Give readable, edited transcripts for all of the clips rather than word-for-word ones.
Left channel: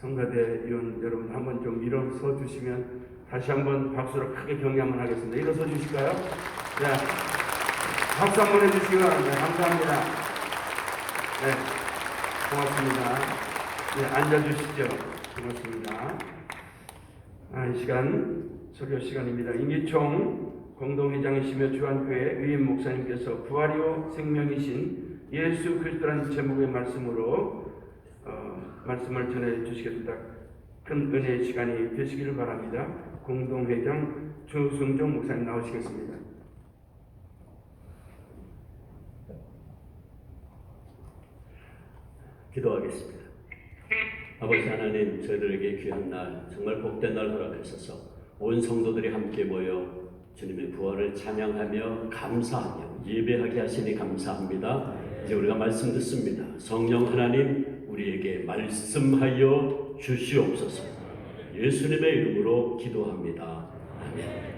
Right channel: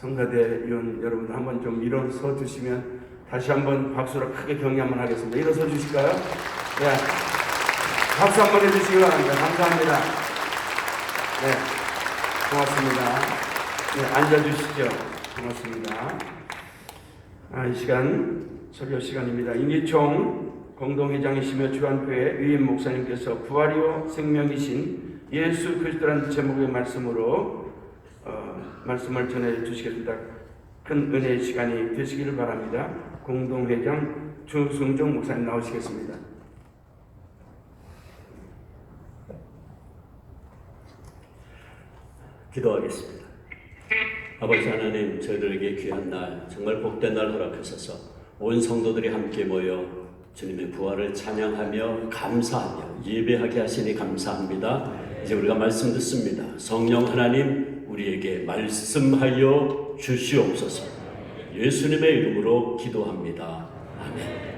성가대 위원 여러분 한번 좀 일어서 주시면 다시 한번 박수로 크게 격려 한번 하겠습니다. 일어서 주실까요? 네. 박수 한번 해주시기 바랍니다. 감사합니다. 네. 고맙습니다. 네, 앉아주시죠. 고맙습니다. 이 시간 설교 시간입니다. 임기총 공동회장이시며 주한교회 의임 목사님께서 부활이요 생명이신 예수 그리스도라는 제목의 말씀으로 말씀을 전해 주시겠습니다. 큰 은혜의 시간이 되시기를 바랍니다. 공동회장 주승종 목사님 나오시겠습니다. 기도하겠습니다. 아버지 하나님, 저희들에게 귀한 날, 정말 복된 날 허락하셔서 온 성도들이 함께 모여 주님의 부활을 찬양하며 감사하며 예배하게 하시니 감사합니다. 이제 우리가 말씀 듣습니다. 성령 하나님, 우리에게 말씀하여 주시옵소서. 예수님의 이름으로 기도합니다. 아멘.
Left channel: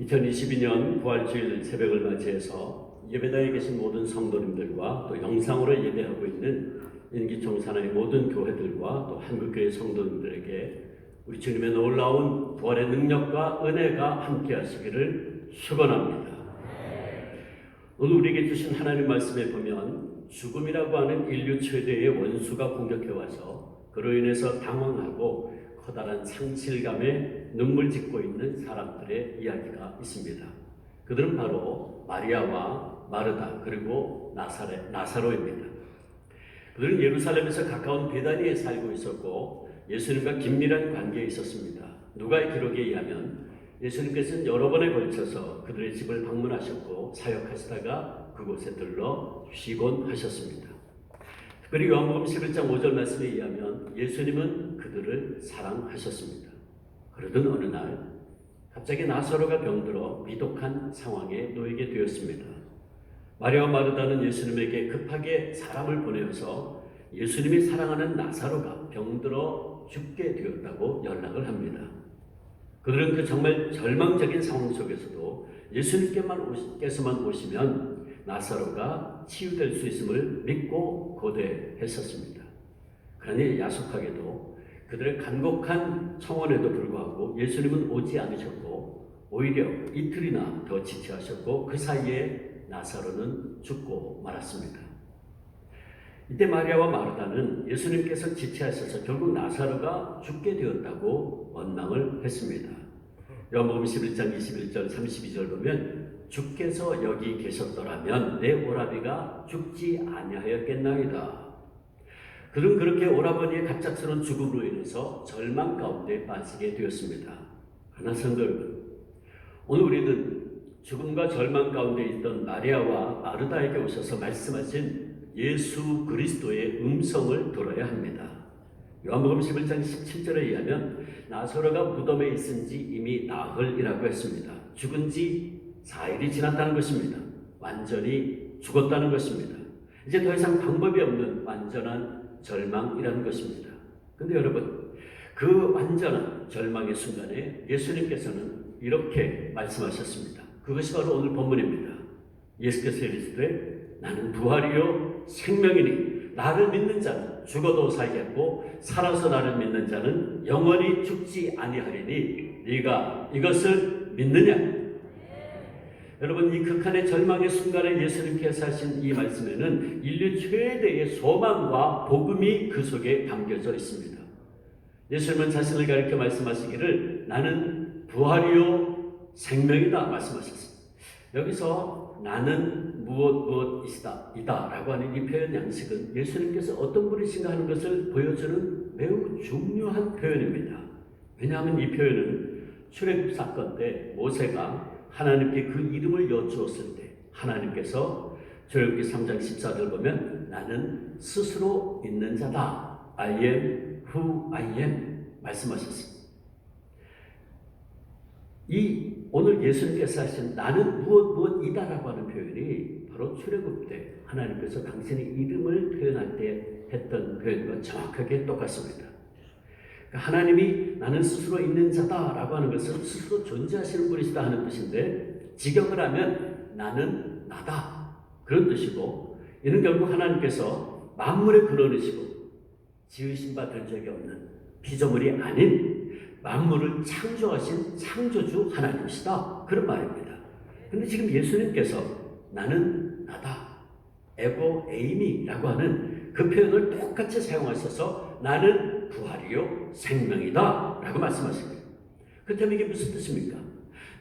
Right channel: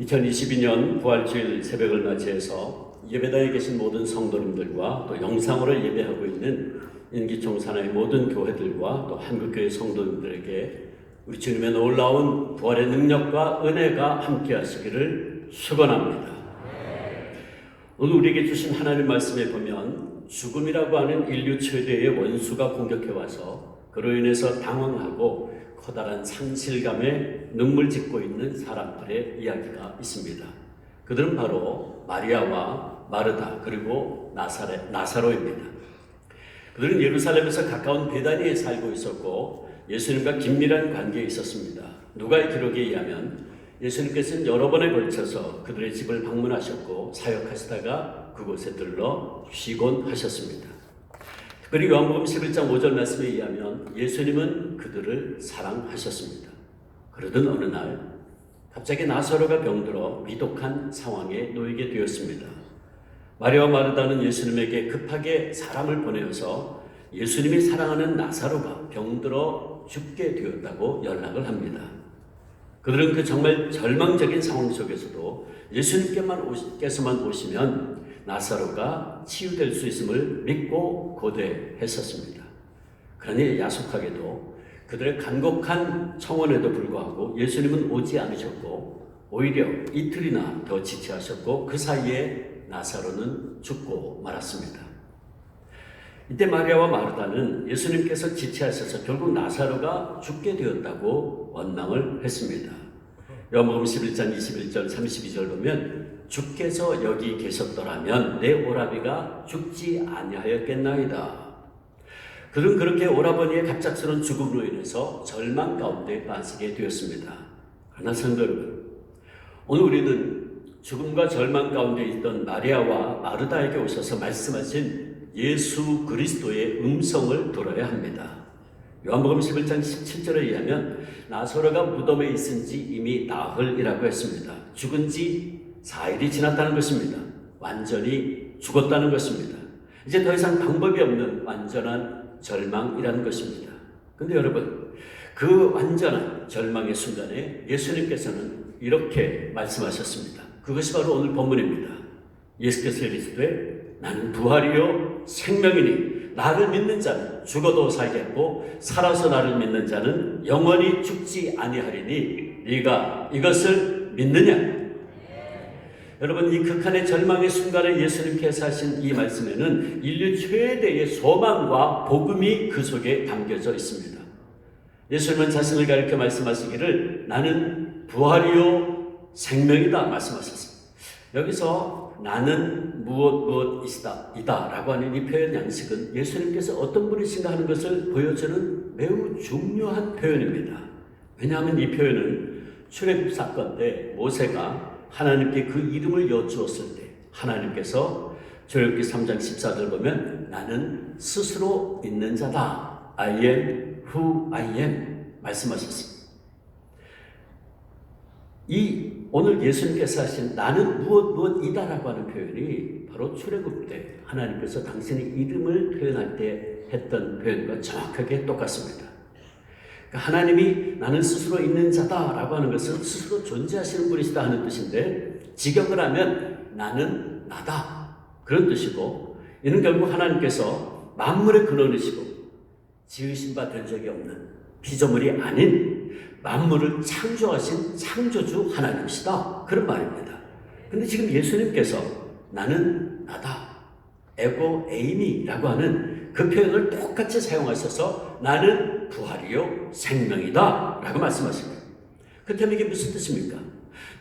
2022년 부활주일 새벽을 맞이해서 예배당에 계신 모든 성도님들과 또 영상으로 예배하고 있는 인기총 산하의 모든 교회들과 또 한국교회 성도님들에게 우리 주님의 놀라운 부활의 능력과 은혜가 함께 하시기를 축원합니다. 오늘 우리에게 주신 하나님 말씀에 보면 죽음이라고 하는 인류 최대의 원수가 공격해 와서 그로 인해서 당황하고 커다란 상실감에 눈물 짓고 있는 사람들의 이야기가 있습니다. 그들은 바로 마리아와 마르다 그리고 나사로입니다. 그들은 예루살렘에서 가까운 베다니에 살고 있었고 예수님과 긴밀한 관계에 있었습니다. 누가의 기록에 의하면 예수님께서는 여러 번에 걸쳐서 그들의 집을 방문하셨고 사역하시다가 그곳에 들러 쉬곤 하셨습니다. 특별히 요한복음 11장 5절 말씀에 의하면 예수님은 그들을 사랑하셨습니다. 그러던 어느 날 갑자기 나사로가 병들어 위독한 상황에 놓이게 되었습니다. 마리아와 마르다는 예수님에게 급하게 사람을 보내어서 예수님이 사랑하는 나사로가 병들어 죽게 되었다고 연락을 합니다. 그들은 그 정말 절망적인 상황 속에서도 예수님께서만 오시면 나사로가 치유될 수 있음을 믿고 고대했었습니다. 그러니 야속하게도 그들의 간곡한 청원에도 불구하고 예수님은 오지 않으셨고 오히려 이틀이나 더 지체하셨고 그 사이에 나사로는 죽고 말았습니다. 이때 마리아와 마르다는 예수님께서 지체하셔서 결국 나사로가 죽게 되었다고 원망을 했습니다. 요한복음 11장 21절 32절 보면 주께서 여기 계셨더라면 내 오라비가 죽지 아니하였겠나이다. 그들은 그렇게 오라버니의 갑작스러운 죽음으로 인해서 절망 가운데 빠지게 되었습니다. 그러나 성도 여러분, 오늘 우리는 죽음과 절망 가운데 있던 마리아와 마르다에게 오셔서 말씀하신 예수 그리스도의 음성을 들어야 합니다. 요한복음 11장 17절에 의하면 나사로가 무덤에 있은 지 이미 나흘이라고 했습니다. 죽은 지 4일이 지났다는 것입니다. 완전히 죽었다는 것입니다. 이제 더 이상 방법이 없는 완전한 절망이라는 것입니다. 근데 여러분, 그 완전한 절망의 순간에 예수님께서는 이렇게 말씀하셨습니다. 그것이 바로 오늘 본문입니다. 예수께서 이르시되 나는 부활이요 생명이니 나를 믿는 자는 죽어도 살겠고 살아서 나를 믿는 자는 영원히 죽지 아니하리니 네가 이것을 믿느냐? 여러분, 이 극한의 절망의 순간에 예수님께서 하신 이 말씀에는 인류 최대의 소망과 복음이 그 속에 담겨져 있습니다. 예수님은 자신을 가리켜 말씀하시기를 나는 부활이요 생명이다 말씀하셨습니다. 여기서 나는 무엇이다 라고 하는 이 표현 양식은 예수님께서 어떤 분이신가 하는 것을 보여주는 매우 중요한 표현입니다. 왜냐하면 이 표현은 출애굽 사건 때 모세가 하나님께 그 이름을 여쭈었을 때 하나님께서 출애굽기 3장 14절 보면 나는 스스로 있는 자다. I am who I am 말씀하셨습니다. 이 오늘 예수님께서 하신 나는 무엇이다라고 하는 표현이 바로 출애굽 때 하나님께서 당신의 이름을 표현할 때 했던 표현과 정확하게 똑같습니다. 그러니까 하나님이 나는 스스로 있는 자다라고 하는 것은 스스로 존재하시는 분이시다 하는 뜻인데 직역을 하면 나는 나다 그런 뜻이고 이는 결국 하나님께서 만물의 근원이시고 지으신 바 된 적이 없는 피조물이 아닌 만물을 창조하신 창조주 하나님이시다 그런 말입니다. 근데 지금 예수님께서 나는 나다 에고 에이미라고 하는 그 표현을 똑같이 사용하셔서 나는 부활이요 생명이다 라고 말씀하십니다. 그렇다면 이게 무슨 뜻입니까?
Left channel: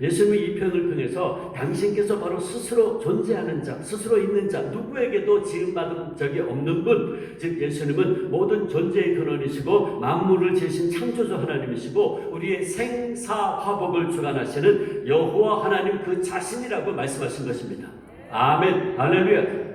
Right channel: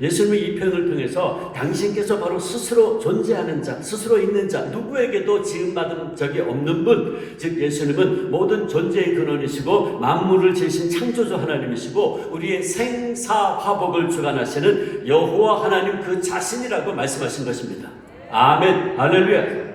예수님의 이 표현을 통해서 당신께서 바로 스스로 존재하는 자, 스스로 있는 자, 누구에게도 지음받은 적이 없는 분, 즉 예수님은 모든 존재의 근원이시고 만물을 지으신 창조주 하나님이시고 우리의 생사화복을 주관하시는 여호와 하나님 그 자신이라고 말씀하신 것입니다. 아멘, 할렐루야.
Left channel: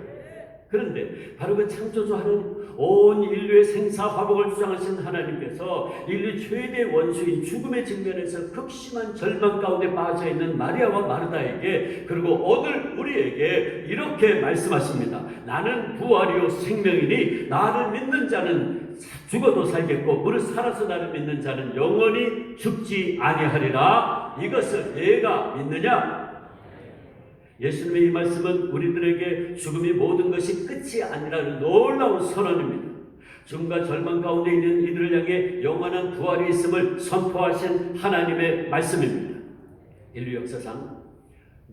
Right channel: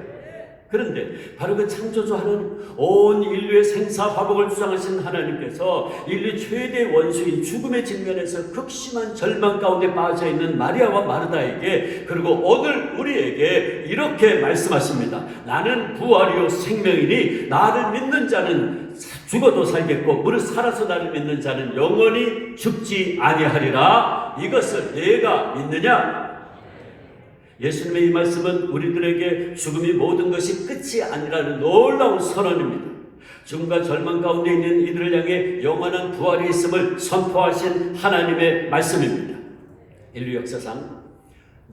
그런데 바로 그 창조주 하나님, 온 인류의 생사화복을 주장하신 하나님께서 인류 최대 원수인 죽음의 직면에서 극심한 절망 가운데 빠져있는 마리아와 마르다에게 그리고 오늘 우리에게 이렇게 말씀하십니다. 나는 부활이요 생명이니 나를 믿는 자는 죽어도 살겠고 무릇 살아서 나를 믿는 자는 영원히 죽지 아니하리라. 이것을 내가 믿느냐? 예수님의 이 말씀은 우리들에게 죽음이 모든 것이 끝이 아니라는 놀라운 선언입니다. 죽음과 절망 가운데 있는 이들을 향해 영원한 부활이 있음을 선포하신 하나님의 말씀입니다. 인류 역사상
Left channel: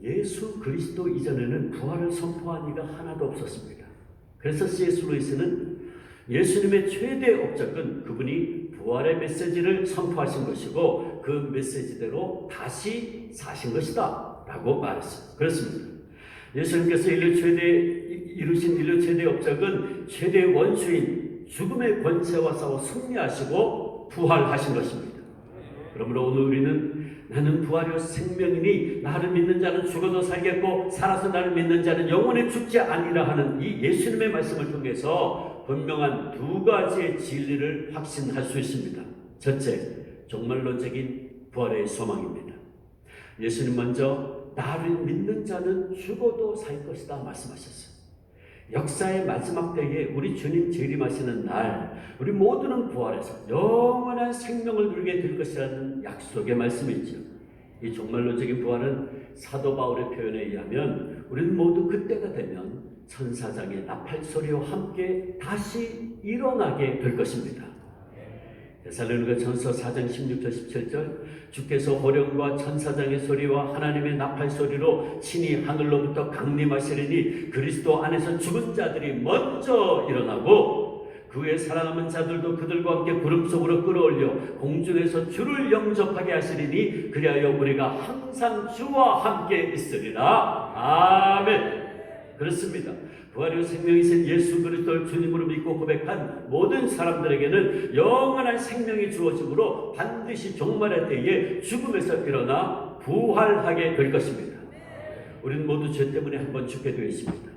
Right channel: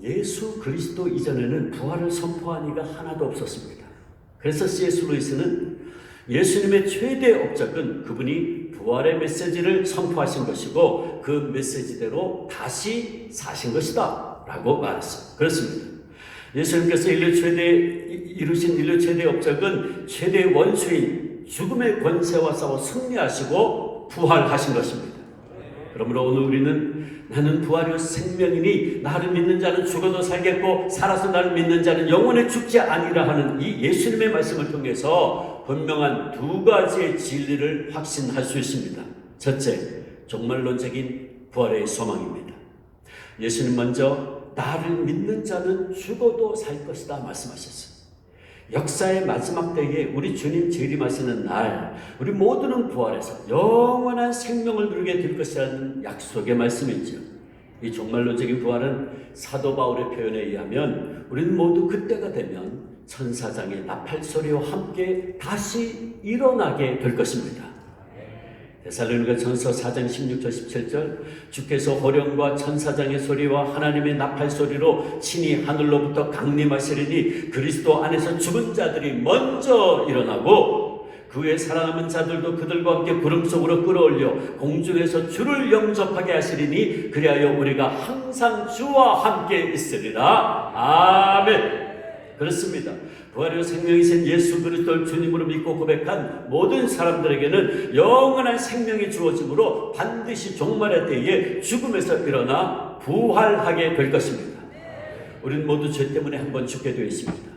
예수 그리스도 이전에는 부활을 선포한 이가 하나도 없었습니다. 그래서 C.S. 루이스는 예수님의 최대 업적은 그분이 부활의 메시지를 선포하신 것이고 그 메시지대로 다시 사신 것이다 라고 말했습니다. 그렇습니다. 예수님께서 이루신 인류 최대 업적은 최대 원수인 죽음의 권세와 싸워 승리하시고 부활하신 것입니다. 그러므로 오늘 우리는 나는 부활이요 생명이니 나를 믿는 자는 죽어도 살겠고 살아서 나를 믿는 자는 영원히 죽지 아니라 하는 이 예수님의 말씀을 통해서 분명한 두 가지의 진리를 확신할 수 있습니다. 첫째, 종말론적인 부활의 소망입니다. 예수님 먼저 나를 믿는 자는 죽어도 살 것이다 말씀하셨어요. 역사의 마지막 때에 우리 주님 재림하시는 날 우리 모두는 부활해서 영원한 생명을 누리게 될 것이라는 약속의 말씀이죠. 이 종말론적인 부활은 사도 바울의 표현에 의하면 우리는 모두 그때가 되면 천사장의 나팔소리와 함께 다시 일어나게 될 것입니다. 데살로니가전서 4장 16절 17절 주께서 호령과 천사장의 소리와 하나님의 나팔 소리로 친히 하늘로부터 강림하시리니 그리스도 안에서 죽은 자들이 먼저 일어나고 그 후에 살아남은 자들도 그들과 함께 구름 속으로 끌어올려 공중에서 주를 영접하게 하시리니 그리하여 우리가 항상 주와 함께 있으리라. 아멘. 그렇습니다. 부활의 생명이신 예수 그리스도를 주님으로 믿고 고백한 모든 사람들에게는 영원한 생명이 주어지므로 반드시 종말의 때에 죽음에서 일어나 부활하게 될 것입니다. 우리는 모두 죄 때문에 한번 죽게 되어 있습니다.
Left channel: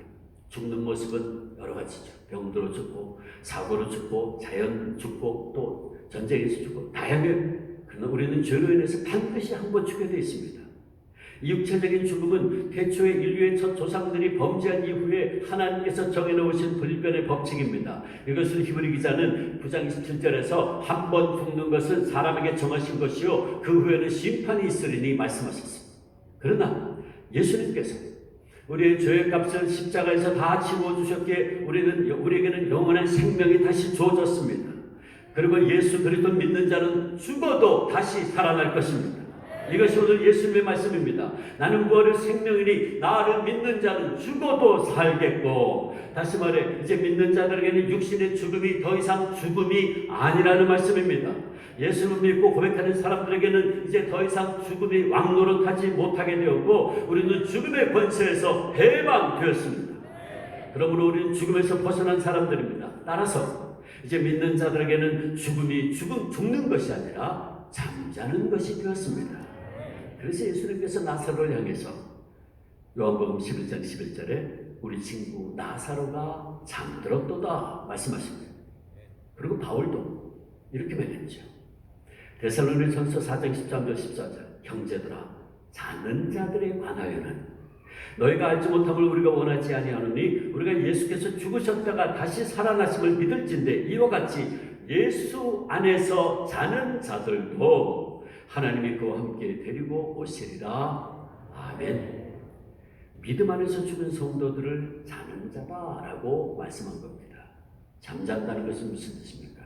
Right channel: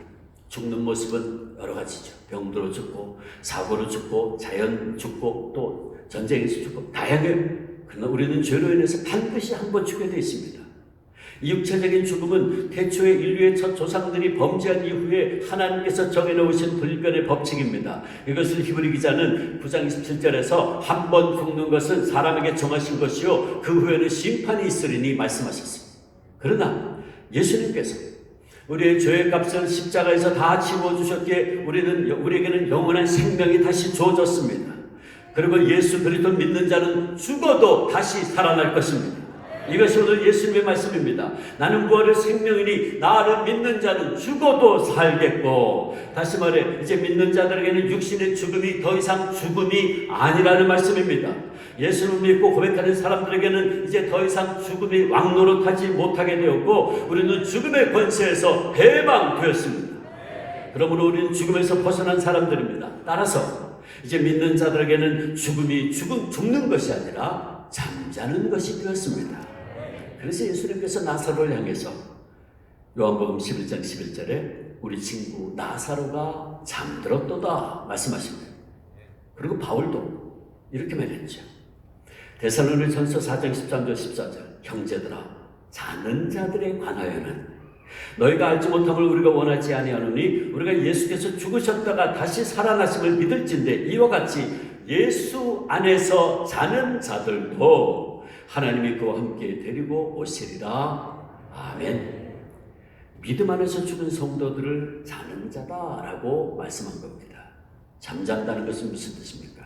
죽는 모습은 여러 가지죠. 병으로 죽고 사고로 죽고 자연 죽고 또 전쟁에서 죽고 다양해요. 그러나 우리는 죄로 인해서 반드시 한번 죽게 되어 있습니다. 이 육체적인 죽음은 태초에 인류의 첫 조상들이 범죄한 이후에 하나님께서 정해놓으신 불변의 법칙입니다. 이것을 히브리 기자는 9장 27절에서 한 번 죽는 것은 사람에게 정하신 것이요 그 후에는 심판이 있으리니 말씀하셨습니다. 그러나 예수님께서 우리의 죄의 값을 십자가에서 다 지워주셨기에 우리에게는 영원한 생명이 다시 주어졌습니다. 그리고 예수 그리스도 믿는 자는 죽어도 다시 살아날 것입니다. 이것이 오늘 예수님의 말씀입니다. 나는 부활의 생명이니 나를 믿는 자는 죽어도 살겠고, 다시 말해 이제 믿는 자들에게는 육신의 죽음이 더 이상 죽음이 아니라는 말씀입니다. 예수를 믿고 고백하는 사람들에게는 이제 더 이상 죽음이 왕노릇하지 못하게 되었고 우리는 죽음의 권세에서 해방되었습니다. 그러므로 우리는 죽음에서 벗어난 사람들입니다. 따라서 이제 믿는 자들에게는 죽음이 죽는 것이 아니라 잠자는 것이 되었습니다. 그래서 예수님께서 나사로를 향해서 요한복음 11장 11절에 우리 친구 나사로가 잠들었도다 말씀하십니다. 그리고 바울도 이렇게 말했죠. 데살로니가전서 4장 13절 14절 형제들아 자는 자들에 관하여는 너희가 알지 못함을 우리가 원하지 아니하노니 우리가 예수께서 죽으셨다가 다시 살아나심을 믿을진대 이와 같이 예수 안에서 자는 자들도 하나님이 그와 함께 데리고 오시리라. 아멘. 믿음 안에서 죽은 성도들을 자는 자다라고 말씀한 겁니다. 잠잔다는 것은 무슨 뜻입니까?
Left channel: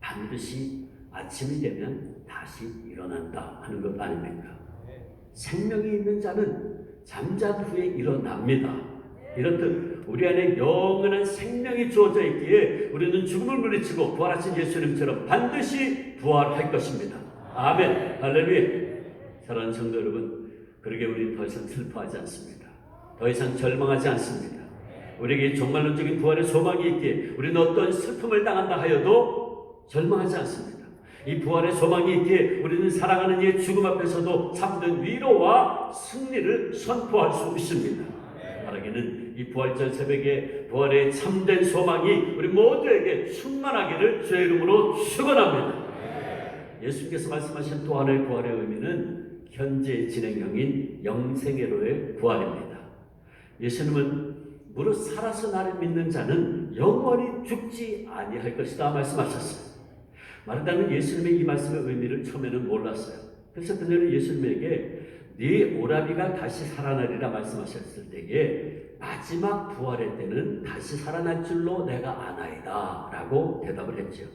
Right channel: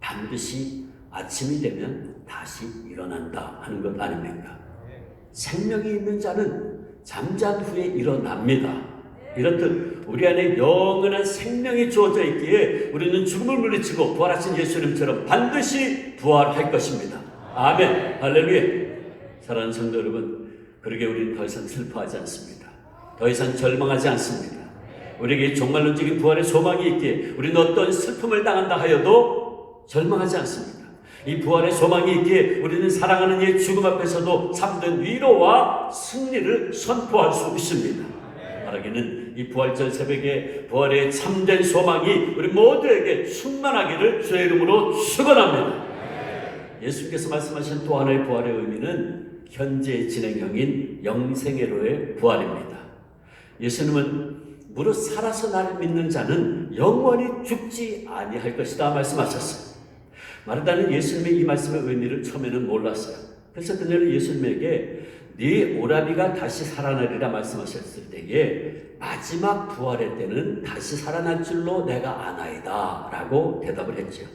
반드시 아침이 되면 다시 일어난다 하는 것 아닙니까? 생명이 있는 자는 잠잔 후에 일어납니다. 이렇듯 우리 안에 영원한 생명이 주어져 있기에 우리는 죽음을 물리치고 부활하신 예수님처럼 반드시 부활할 것입니다. 아멘. 할렐루야. 사랑하는 성도 여러분, 그러게 우리는 더 이상 슬퍼하지 않습니다. 더 이상 절망하지 않습니다. 우리에게 종말론적인 부활의 소망이 있기에 우리는 어떤 슬픔을 당한다 하여도 절망하지 않습니다. 이 부활의 소망이 있기에 우리는 사랑하는 이의 죽음 앞에서도 참된 위로와 승리를 선포할 수 있습니다. 바라기는 이 부활절 새벽에 부활의 참된 소망이 우리 모두에게 충만하기를 주의 이름으로 축원합니다. 예수께서 말씀하신 또 하나의 부활의 의미는 현재 진행형인 영생애로의 부활입니다. 예수님은 무릇 살아서 나를 믿는 자는 영원히 죽지 아니할 것이다 말씀하셨어요. 마르다는 예수님의 이 말씀의 의미를 처음에는 몰랐어요. 그래서 그녀는 예수님에게 네 오라비가 다시 살아나리라 말씀하셨을 때에 마지막 부활의 때는 다시 살아날 줄로 내가 아나이다 라고 대답을 했죠.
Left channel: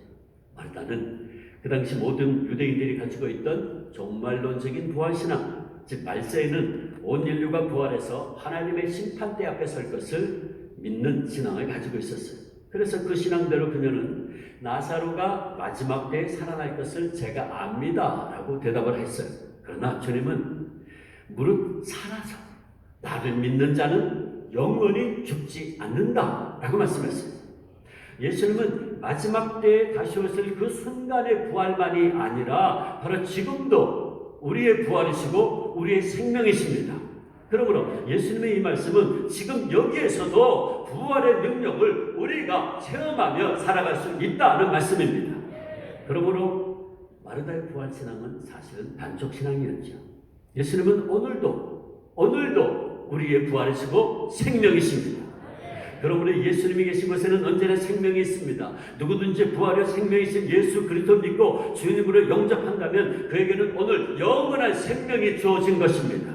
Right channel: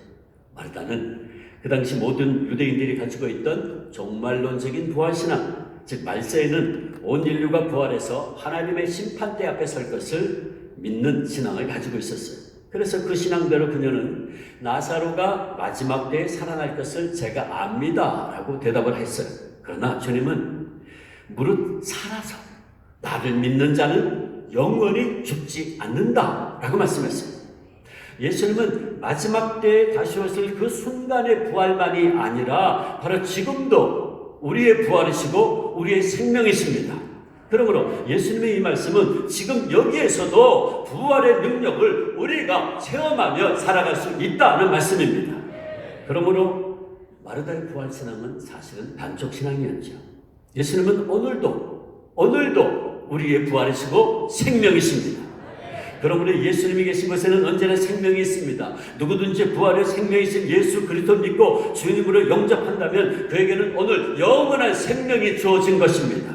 마르다는 그 당시 모든 유대인들이 가지고 있던 종말론적인 부활신앙, 즉 말세에는 온 인류가 부활해서 하나님의 심판대 앞에 설 것을 믿는 신앙을 가지고 있었어요. 그래서 그 신앙대로 그녀는 나사로가 마지막 때에 살아날 것을 제가 압니다 라고 대답을 했어요. 그러나 주님은 무릇 살아서 나를 믿는 자는 영원히 죽지 않는다 라고 말씀했어요. 예수님은 마지막 때에 다시 오실 그 순간의 부활만이 아니라 바로 지금도 우리의 부활이시고 우리의 생명이십니다. 그러므로 예수님의 이 말씀은 지금 여기에서도 부활의 능력을 우리가 체험하며 살아갈 수 있다는 말씀입니다. 그러므로 마르다의 부활신앙은 사실은 반쪽신앙이었죠. 예수님은 오늘도 우리의 부활이시고 생명이십니다. 그러므로 예수님이 계신 곳에는 언제나 생명이 있습니다. 누구든지 부활의 생명이신 예수 그리스도 믿고 주님으로 영접한다면 그에게는 오늘 영원한 생명이 주어진 것입니다.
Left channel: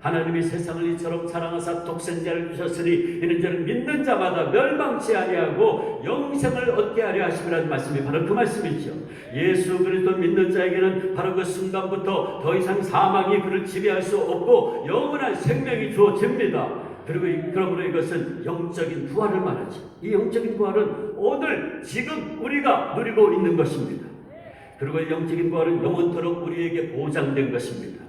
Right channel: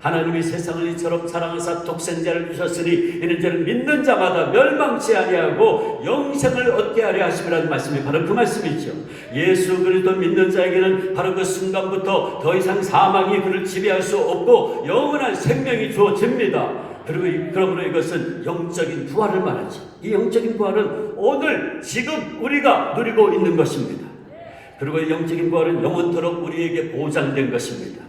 하나님이 세상을 이처럼 사랑하사 독생자를 주셨으니 이는 저는 믿는 자마다 멸망치 아니하고 영생을 얻게 하려 하심이라는 말씀이 바로 그 말씀이죠. 예수 그리스도 믿는 자에게는 바로 그 순간부터 더 이상 사망이 그를 지배할 수 없고 영원한 생명이 주어집니다. 그러므로 이것은 영적인 부활을 말하죠. 이 영적인 부활은 오늘 지금 우리가 누리고 있는 것입니다. 그리고 이 영적인 부활은 영원토록 우리에게 보장된 것입니다.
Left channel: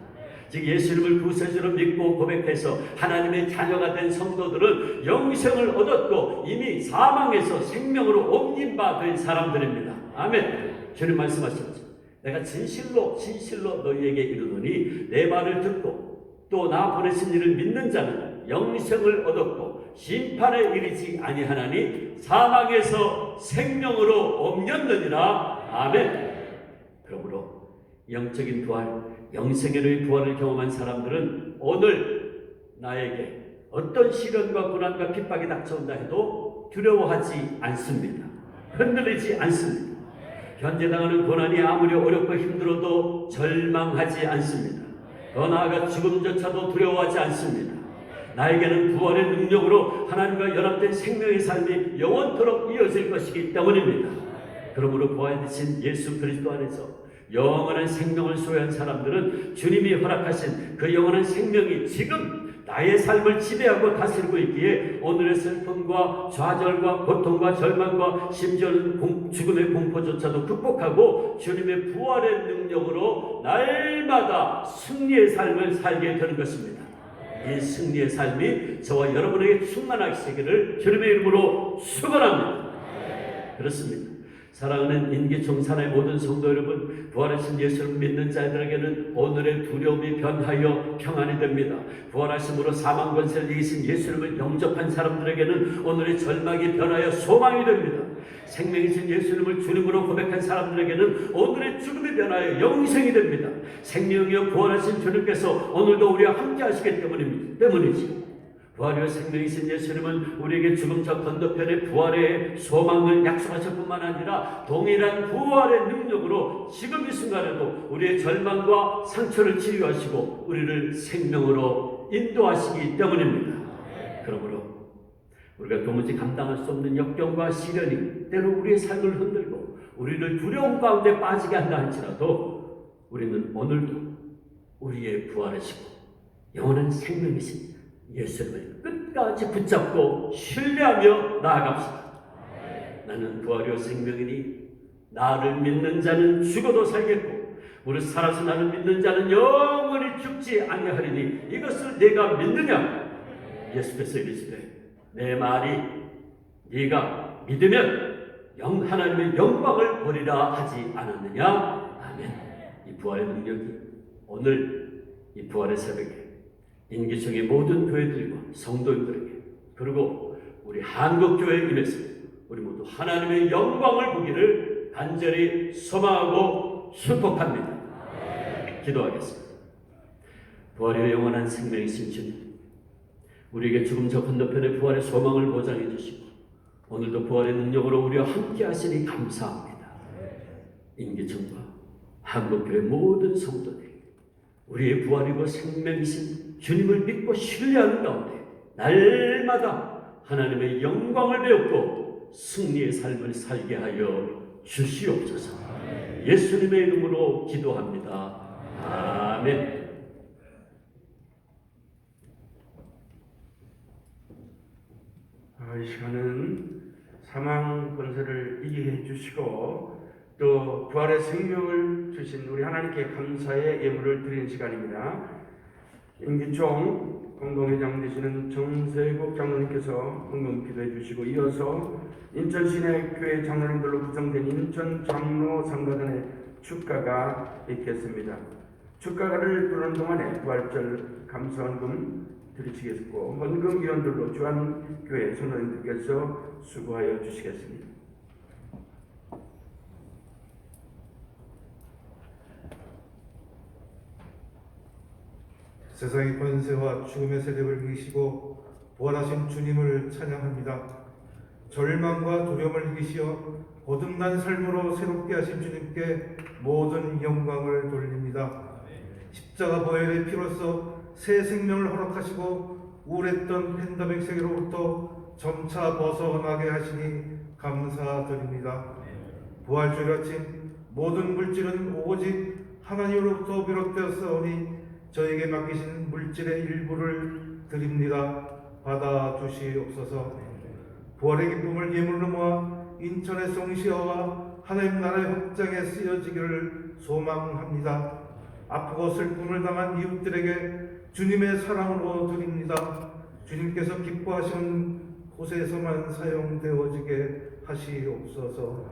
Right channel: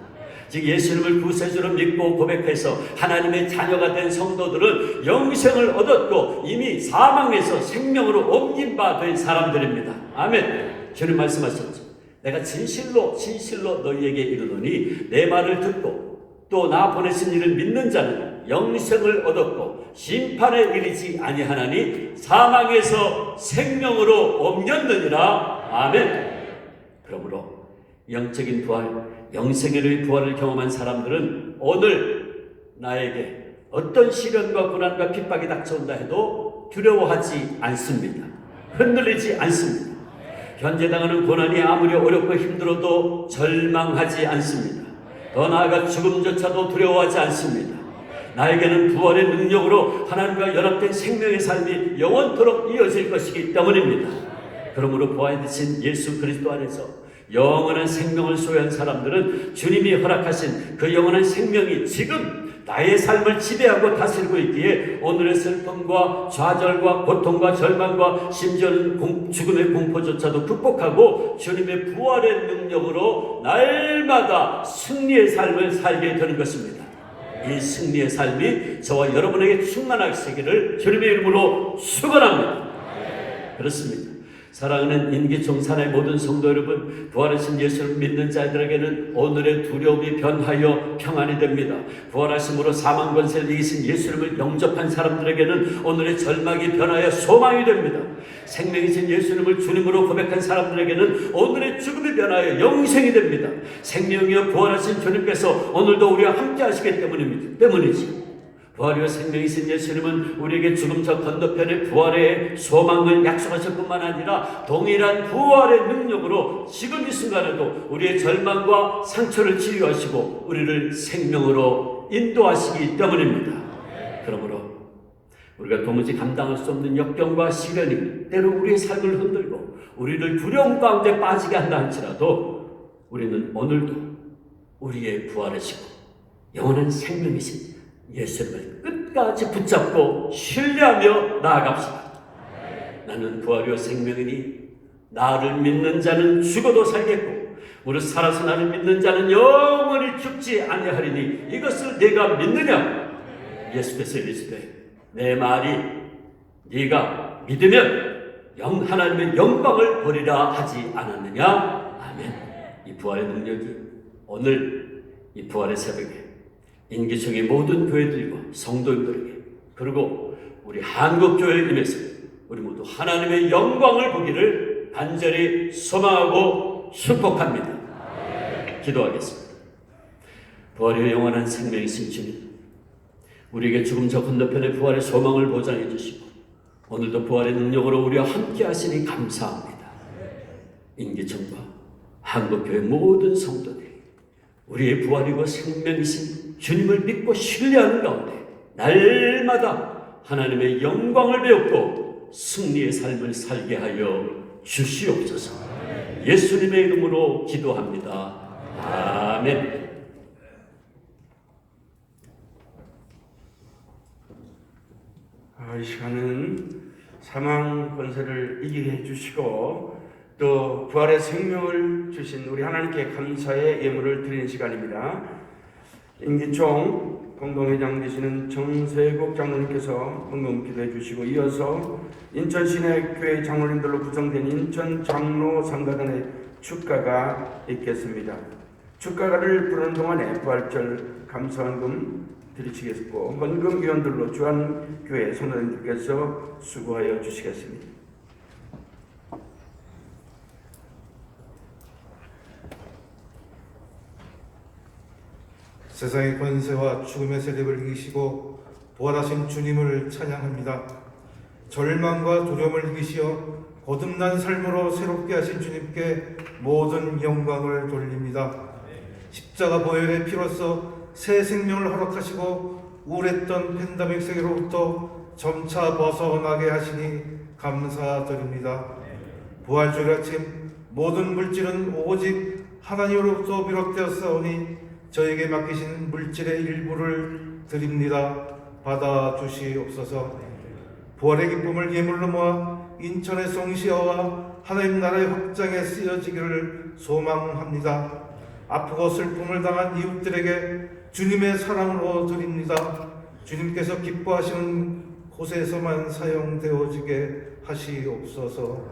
즉 예수님을 구세주로 믿고 고백해서 하나님의 자녀가 된 성도들은 영생을 얻었고 이미 사망에서 생명으로 옮긴 바 된 사람들입니다. 아멘. 주님 말씀하셨죠. 내가 진실로 너희에게 이르노니 내 말을 듣고 또 나 보내신 이를 믿는 자는 영생을 얻었고 심판에 이르지 아니하나니 사망에서 생명으로 옮겼느니라. 아멘. 그러므로 영적인 부활, 영생의 부활을 경험한 사람들은 오늘 나에게 어떤 시련과 고난과 핍박이 닥쳐온다 해도 두려워하지 않습니다. 흔들리지 않습니다. 현재 당하는 고난이 아무리 어렵고 힘들어도 절망하지 않습니다. 더 나아가 죽음조차도 두려워하지 않습니다. 나에게는 부활의 능력으로 하나님과 연합된 생명의 삶이 영원토록 이어질 것이기 때문입니다. 그러므로 부활되신 예수 그리스도 안에서 영원한 생명을 소유한 사람들은 주님이 허락하신 그 영원한 생명이 지금 나의 삶을 지배하고 다스리고 있기에 오늘의 슬픔과 좌절과 고통과 절망과 심지어는 죽음의 공포조차도 극복하고 주님의 부활의 능력으로 날마다 승리의 삶을 살게 되는 것입니다. 이 승리의 삶이 저와 여러분에게 충만하시기를 주님의 이름으로 축원합니다. 그렇습니다. 사랑하는 인기총 산의 모든 성도 여러분, 부활하신 예수를 믿는 자들에게는 오늘의 두려움이 변하여 평안이 됩니다. 부활하심으로 사망 권세를 이기신 예수님을 영접한 사람들에게는 오늘의 절망이 변하여 소망이 됩니다. 생명이신 예수님을 주님으로 고백한 사람들에게는 오늘의 죽음이 변하여 영생이 됩니다. 생명이여 부활하신 주님께서 오늘도 우리와 함께 하시기 때문이지요. 부활이요 생명이신 예수님은 우리에게 죽음 저 건너편의 부활의 소망을 약속하실 뿐만 아니라 동일한 부활의 능력으로 지금 이 순간에도 우리의 절망과 상처를 치유하시고 우리를 생명으로 인도하시기 때문입니다. 그러므로 우리가 도무지 감당할 수 없는 역경과 시련이 때로 우리의 삶을 흔들고 우리를 두려움 가운데 빠지게 한다 할지라도 우리는 오늘도 우리의 부활하시고 영원한 생명이신 예수님을 끝까지 붙잡고 신뢰하며 나아갑시다. 나는 부활이요 생명이니 나를 믿는 자는 죽어도 살겠고 무릇 살아서 나를 믿는 자는 영원히 죽지 아니하리니 이것을 네가 믿느냐? 예수께서 이르시되 내 말이 네가 믿으면 하나님의 영광을 보리라 하지 않았느냐? 아멘. 이 부활의 능력이 오늘 이 부활의 새벽에 인기청의 모든 교회들과 성도님들에게 그리고 우리 한국교회에 임해서 우리 모두 하나님의 영광을 보기를 간절히 소망하고 축복합니다. 기도하겠습니다. 부활의 영원한 생명이신 주님, 우리에게 죽음 저 건너편의 부활의 소망을 보장해 주시고 오늘도 부활의 능력으로 우리와 함께 하시니 감사합니다. 인기청과 한국교회 모든 성도들이 우리의 부활이고 생명이신 주님을 믿고 신뢰하는 가운데 날마다 하나님의 영광을 배웠고 승리의 삶을 살게 하여 주시옵소서. 예수님의 이름으로 기도합니다. 아멘. 이 시간은 사망 권세를 이기게 해주시고 또 부활의 생명을 주신 우리 하나님께 감사의 예물을 드리는 시간입니다. 임기총 공동회장 되시는 정세국 장로님께서 헌금 기도해 주시고 이어서 인천 시내교회 장로님들로 구성된 인천 장로 상가단의 축가가 있겠습니다. 축가를 부르는 동안에 부활절 감사헌금 드리시겠고 헌금위원들로 주한교회 성도님들께서 수고하여 주시겠습니다. 세상의 권세와 죽음의 세력을 이기시고 부활하신 주님을 찬양합니다. 절망과 두려움을 이기시어 거듭난 삶으로 새롭게 하신 주님께 모든 영광을 돌립니다. 십자가 보혈의 피로써 새 생명을 허락하시고 우울했던 팬데믹 세계로부터 점차 벗어나게 하시니 감사드립니다. 부활주일 아침 모든 물질은 오직 하나님으로부터 비롯되었사오니 저에게 맡기신 물질의 일부를 드립니다. 받아주시옵소서. 부활의 기쁨을 예물로 모아 인천의 송시어와 하나님 나라의 확장에 쓰여지기를 소망합니다. 아프고 슬픔을 당한 이웃들에게 주님의 사랑으로 드립니다. 주님께서 기뻐하시는 곳에서만 사용되어지게 하시옵소서.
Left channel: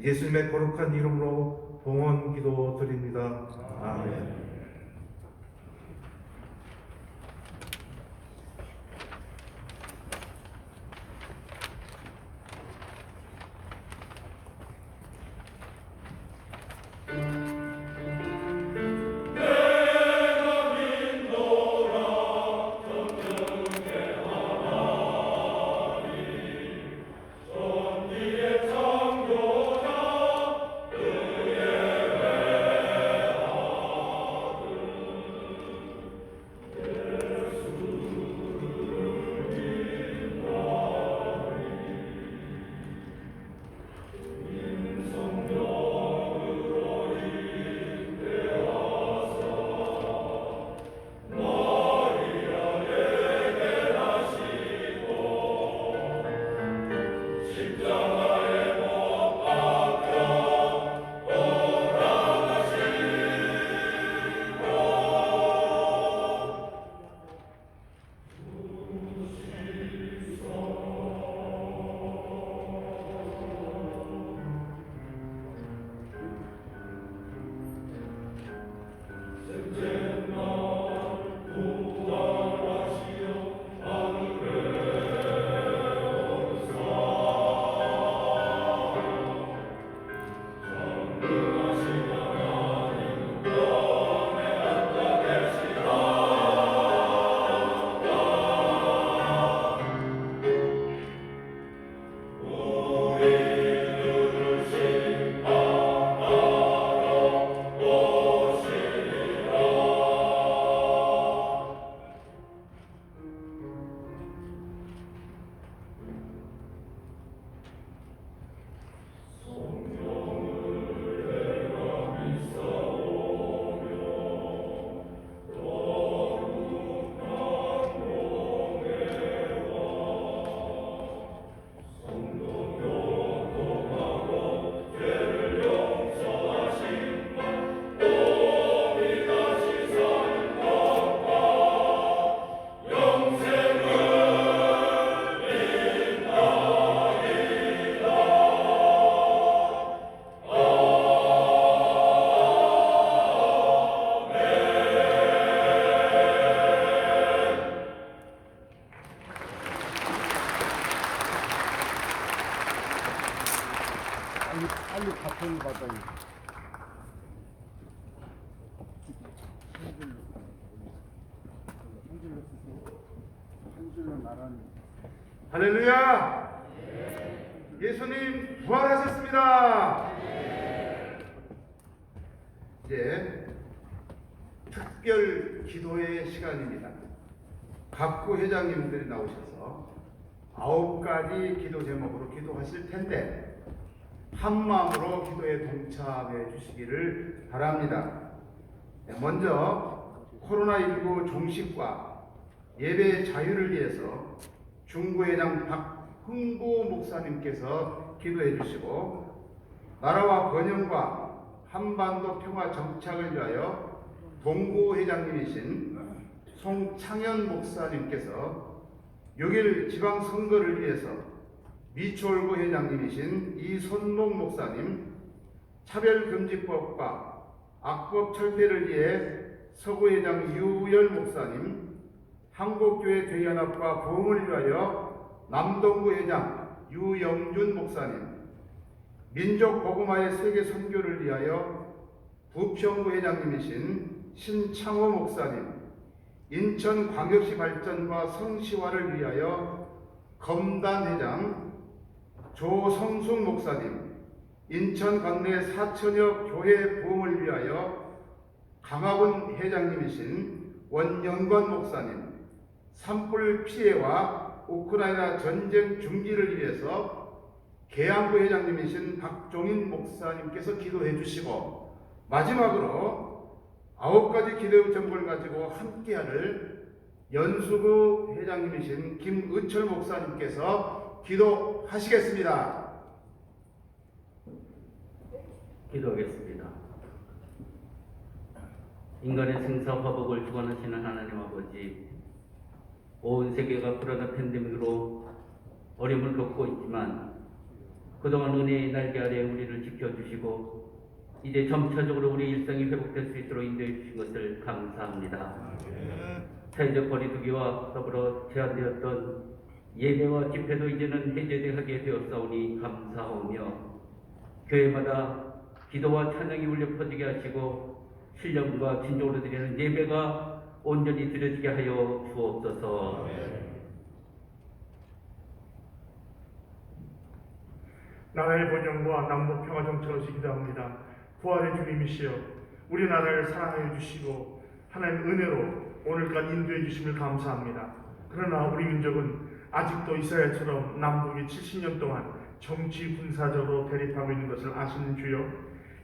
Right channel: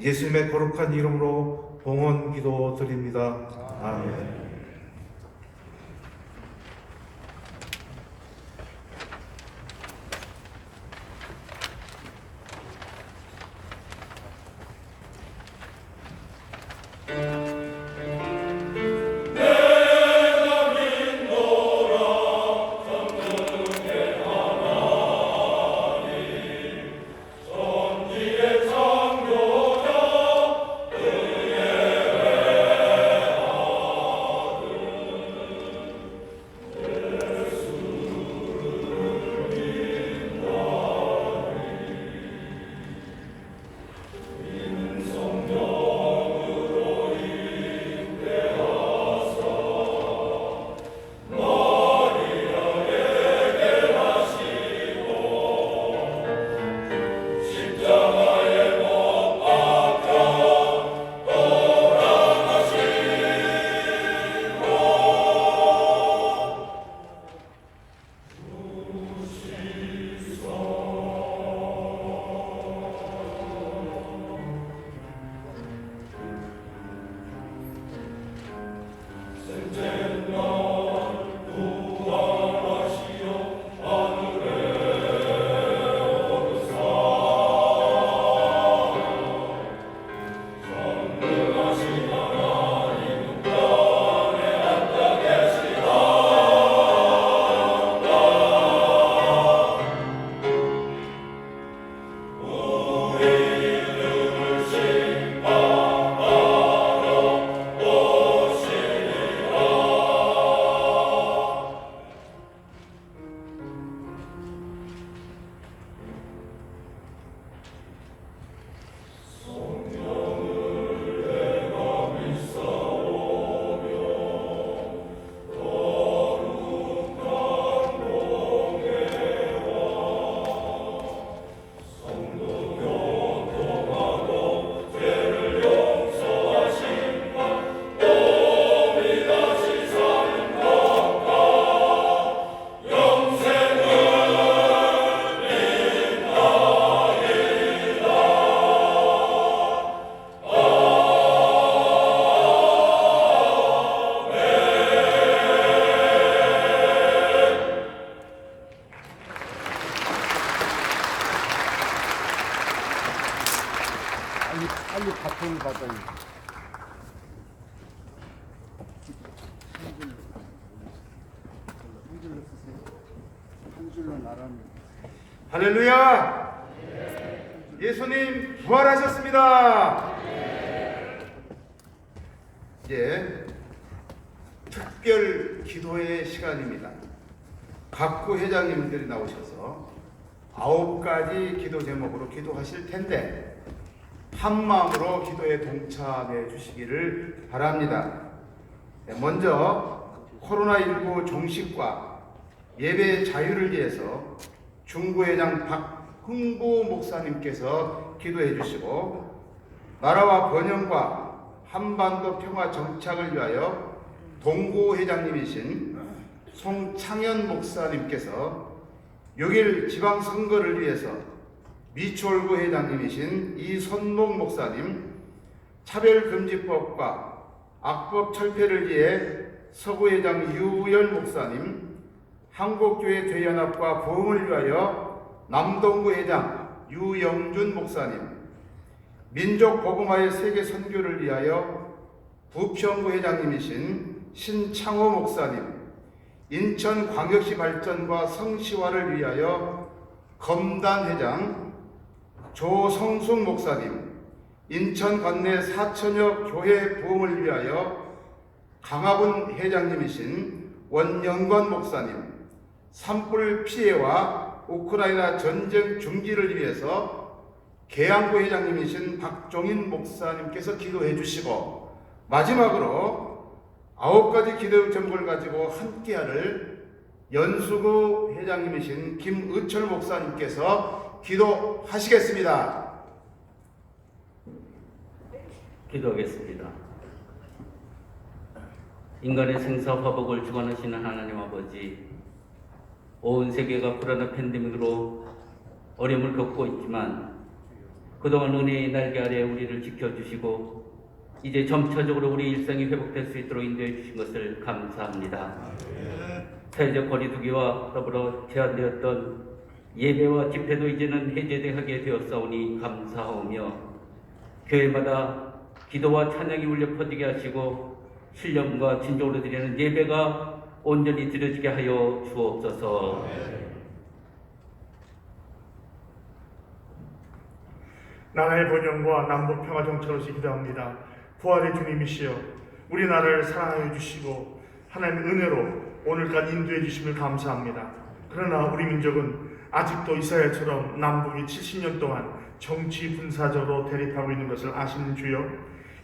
예수님의 거룩한 이름으로 봉헌 기도 드립니다. 아멘. 빨리 바통을 받아요. 한 줄로 쓰세요. 한 줄로 나라는. 할렐루야! 예수님 부활하셨습니다. 이제 특별 기도의 시간입니다. 각구 회장님들이 나오셔서 9가지 기도 제목으로 기도하실 텐데 한 마음으로 기도에 동참해 주시기를 바랍니다. 먼저 코로나19 종식과 예배 자유를 위해서 중구회장 박흥부 목사님께서 기도해 주시고, 나라와 번영과 한반도 평화 정착을 위하여 동구 회장님이신 송창현 목사님께서 6일 지방선거를 위해서 미추홀구 회장님이신 이손목 목사님, 차별금지법과 악법 철폐를 위해 서구회장 유열 목사님, 한국교회 대연합과 부흥을 위하여 남동구 회장 유영준 목사님, 민족 복음화의 세계 선교를 위하여 부평구 회장님이신 신창호 목사님, 인천광역시 발전과 성시화를 위하여 검단 회장 조성숙 목사님, 인천 관내 4천여 교회 부흥을 위하여 강화군 회장님이신 원영관 목사님, 산불 피해와 우크라이나 전쟁 중지를 위해서 계양구 회장님이신 박종인 목사님께서 기도해 주시고, 마지막으로 9가지 기도 제목을 가지고 함께할 연수구 회장님이신 김의철 목사님께서 기도하시겠습니다. 기도하겠습니다. 인간의 생사 화복을 주관하시는 하나님 아버지, 온 세계가 코로나 팬데믹으로 어려움을 겪고 있지만 그동안 은혜의 날개 아래 우리를 지켜주시고 이제 점차적으로 우리 일상이 회복될 수 있도록 인도해 주신 것을 감사합니다. 사회적 거리두기와 더불어 제한되었던 예배와 집회도 이제는 해제하게 되었사오니 감사하오며, 교회마다 기도와 찬양이 울려 퍼지게 하시고 신령과 진정으로 드리는 예배가 온전히 드려지게 하여 주옵소서. 나라의 번영과 남북 평화 정착을 기도합니다. 부활의 주님이시여, 우리나라를 사랑하여 주시고 하나님 은혜로 오늘까지 인도해 주심을 감사합니다. 그러나 우리 민족은 아직도 이스라엘처럼 남북이 70년 동안 정치 분사적으로 대립하고 있는 것을 아시는 주여,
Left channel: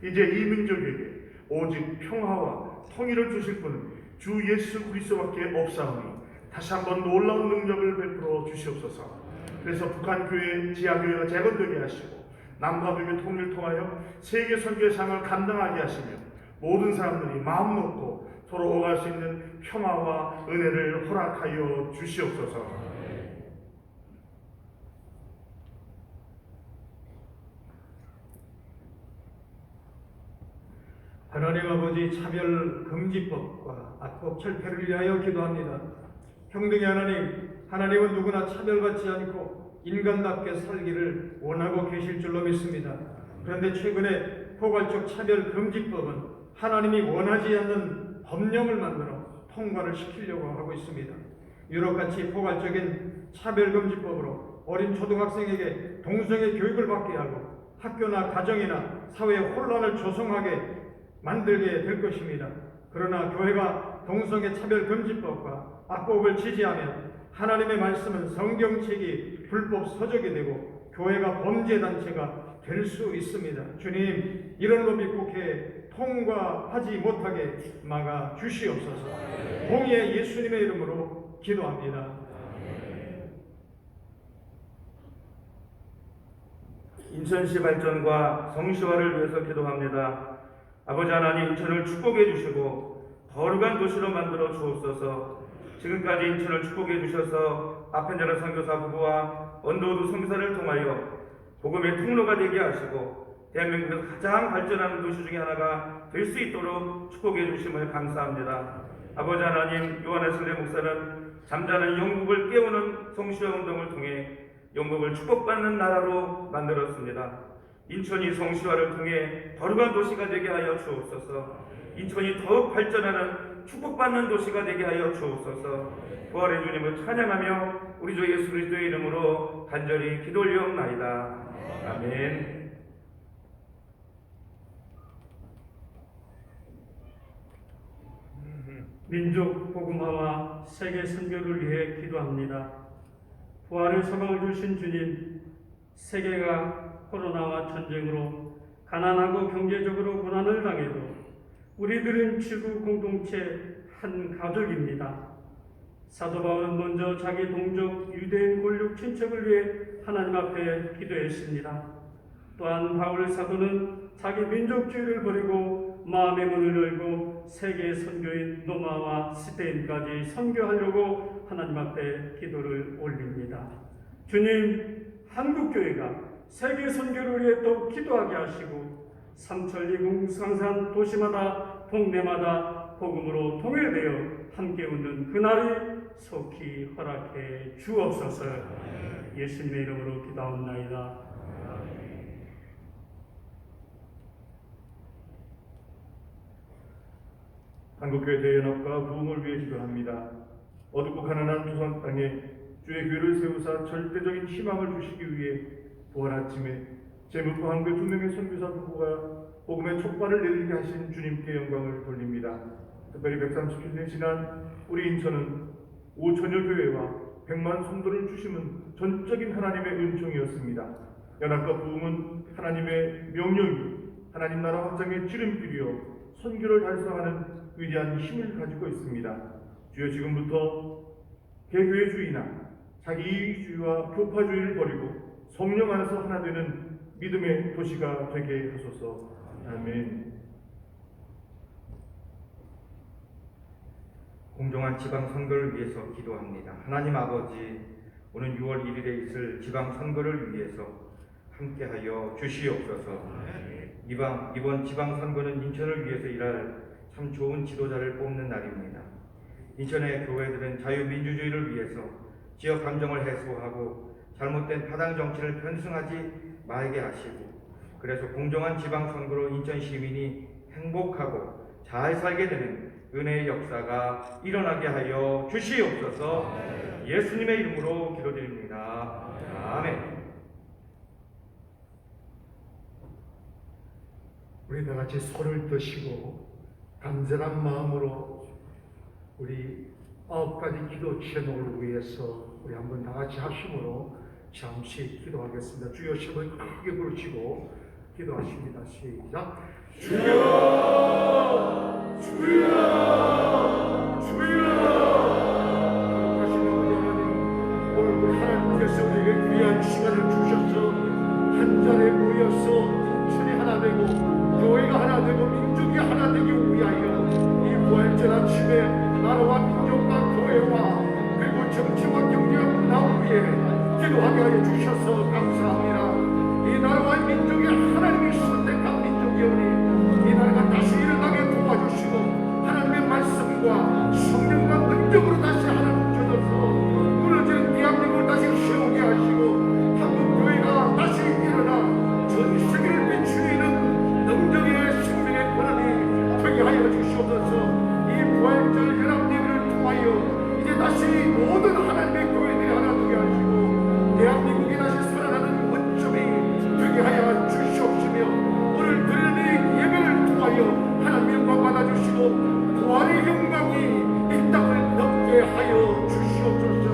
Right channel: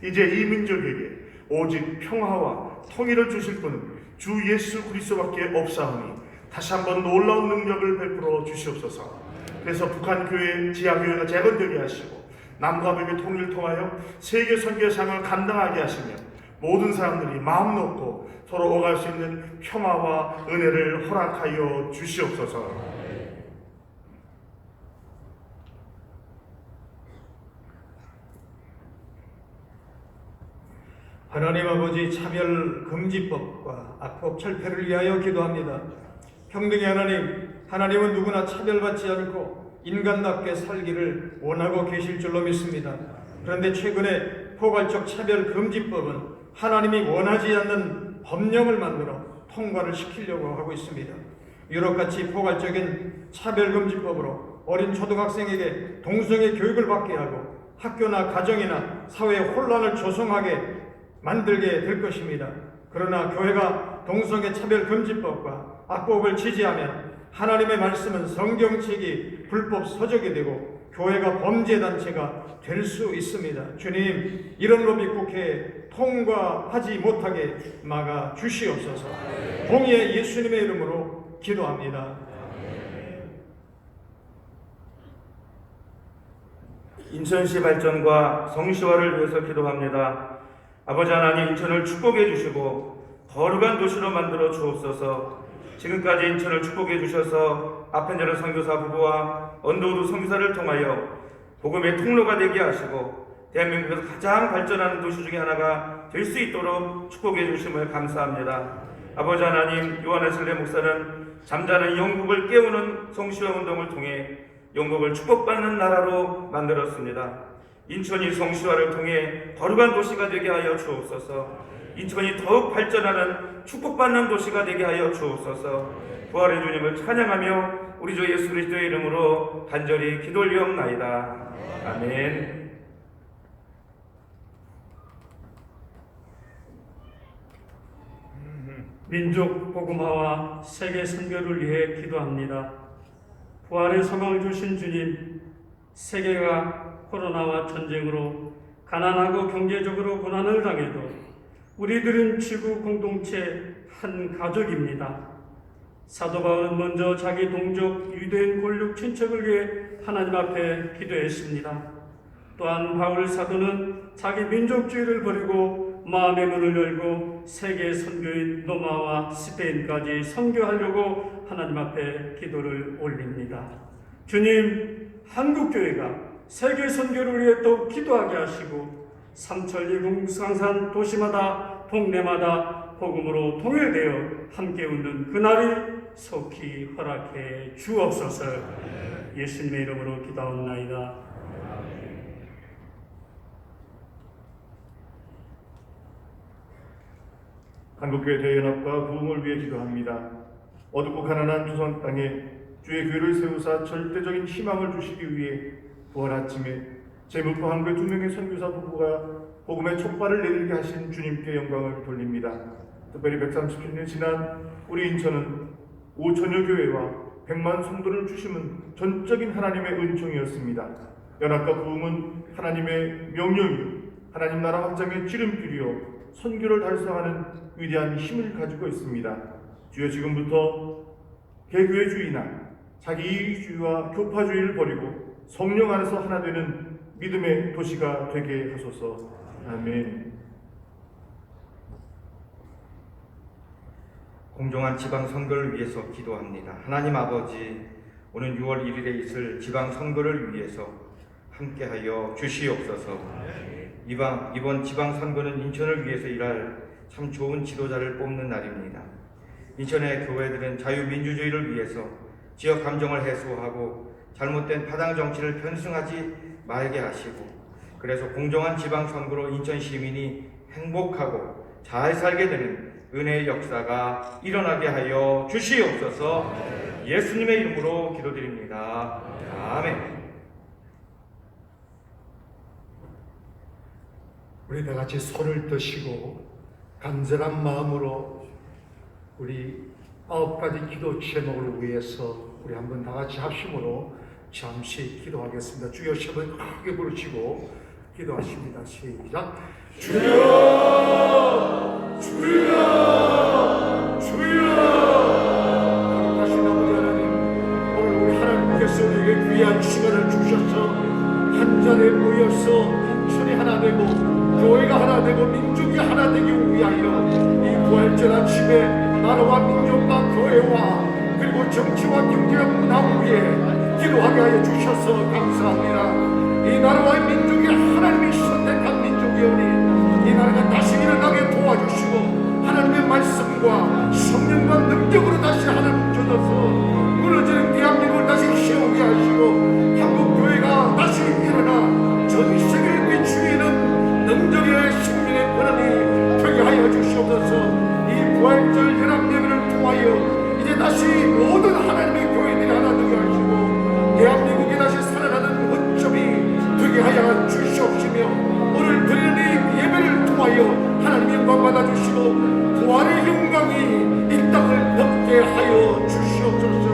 이제 이 민족에게 오직 평화와 통일을 주실 분 주 예수 그리스도밖에 없사오니 다시 한번 놀라운 능력을 베풀어 주시옵소서. 그래서 북한 교회 지하교회가 재건되게 하시고 남과 북의 통일을 통하여 세계 선교의 상을 감당하게 하시며 모든 사람들이 마음 놓고 서로 오갈 수 있는 평화와 은혜를 허락하여 주시옵소서. 하나님 아버지, 차별금지법과 악법 철폐를 위하여 기도합니다. 평등의 하나님, 하나님은 누구나 차별받지 않고 인간답게 살기를 원하고 계실 줄로 믿습니다. 그런데 최근에 포괄적 차별금지법은 하나님이 원하지 않는 법령을 만들어 통과를 시키려고 하고 있습니다. 유럽같이 포괄적인 차별금지법으로 어린 초등학생에게 동성애 교육을 받게 하고 학교나 가정이나 사회에 혼란을 조성하게 만들게 될 것입니다. 그러나 교회가 동성애 차별금지법과 악법을 지지하면 하나님의 말씀은 성경책이 불법 서적이 되고 교회가 범죄단체가 될 수 있습니다. 주님, 이런 법이 국회에 통과하지 못하게 막아 주시옵소서. 공의의 예수님의 이름으로 기도합니다. 인천시 발전과 성시화를 위해서 기도합니다. 아버지 하나님, 인천을 축복해 주시고 거룩한 도시로 만들어 주옵소서. 지금까지 인천을 축복해 주셔서 아펜자르 선교사 부부와 언더우드 선교사를 통하여 복음의 통로가 되게 하시고 대한민국에서 가장 발전하는 도시 중에 하나가 될 수 있도록 축복해 주심을 감사합니다. 아버지 하나님, 요한웨슬리 목사는 잠자는 영국을 깨우는 성시화 운동을 통해 영국을 축복받는 나라로 만들었습니다. 인천이 성시화를 통해 거룩한 도시가 되게 하여 주옵소서. 인천이 더욱 발전하는 축복받는 도시가 되게 하여 주옵소서. 부활의 주님을 찬양하며 우리 주 예수 그리스도의 이름으로 간절히 기도 올리옵나이다. 아멘. 민족 복음화와 세계 선교를 위해 기도합니다. 부활의 소망을 주신 주님, 세계가 코로나와 전쟁으로 가난하고 경제적으로 고난을 당해도 우리들은 지구 공동체 한 가족입니다. 사도 바울은 먼저 자기 동족 유대인 골육 친척을 위해 하나님 앞에 기도했습니다. 또한 바울 사도는 자기 민족주의를 버리고 마음의 문을 열고 세계 선교인 로마와 스페인까지 선교하려고 하나님 앞에 기도를 올립니다. 주님, 한국교회가 세계 선교를 위해 또 기도하게 하시고 삼천리 공산산 도시마다 동네마다 복음으로 통일되어 함께 웃는 그날이 속히 허락해 주옵소서. 예수님의 이름으로 기도하옵나이다. 한국교회 대연합과 부흥을 위해 기도합니다. 어둡고 가난한 조선 땅에 주의 교회를 세우사 절대적인 희망을 주시기 위해 부활 아침에 제물포 한국의 2명의 선교사 부부가 복음의 촉발을 내리게 하신 주님께 영광을 돌립니다. 특별히 130주년 지난 우리 인천은 5천여 교회와 100만 성도를 주심은 전적인 하나님의 은총이었습니다. 연합과 부흥은 하나님의 명령이 하나님 나라 확장의 지름길이요 선교를 달성하는 위대한 힘을 가지고 있습니다. 주여, 지금부터 개교회주의나 자기이익주의와 교파주의를 버리고 성령 안에서 하나 되는 믿음의 도시가 되게 하소서. 아멘. 공정한 지방 선거를 위해서 기도합니다. 하나님 아버지, 오는 6월 1일에 있을 지방 선거를 위해서 함께하여 주시옵소서. 이번 지방 선거는 인천을 위해서 일할 참 좋은 지도자를 뽑는 날입니다. 인천의 교회들은 자유민주주의를 위해서 지역 감정을 해소하고 잘못된 파당 정치를 편승하지 말게 하시고, 그래서 공정한 지방 선거로 인천 시민이 행복하고 잘 살게 되는 은혜의 역사가 일어나게 하여 주시옵소서. 예수님의 이름으로 기도드립니다. 아멘. 우리 다 같이 손을 드시고 간절한 마음으로 우리 9가지 기도 제목을 위해서 우리 한번 다 같이 합심으로 잠시 기도하겠습니다. 주여 시험을 크게 부르시고 기도하십니다. 시작. 주여, 주여, 주여. 거룩하신 아버지 하나님, 오늘 우리 하나님께서 우리에게 귀한 시간을 주셔서 한 자리에 모여서 인천이 하나 되고 교회가 하나 되고 민족이 하나 되기 위하여 이 부활절 아침에 나라와 민족과 교회와 그리고 정치와 경제와 문화 위에 기도하게 하여 주셔서 감사합니다. 이 나라와 민족이 하나님이 선택한 민족이오니 이 나라가 다시 일어나게 도와주시고 하나님의 말씀과 성령과 능력으로 다시 하나님 주셔서 무너지는 대한민국을 다시 세우게 하시고 한국교회가 다시 일어나 전 세계를 비추이는 능력의 생명의 권한이 되게 하여 주시옵소서. 이 부활절 연합예배를 통하여 이제 다시 모든 하나님의 교회들이 하나 되게 하시고 대한민국이 다시 살아나는 원점이 되게 하여 주시옵시며 오늘 드리는 이 예배를 통하여 하나님의 영광 받아주시고 부활의 영광이 이 땅을 덮게 하여 주시옵소서.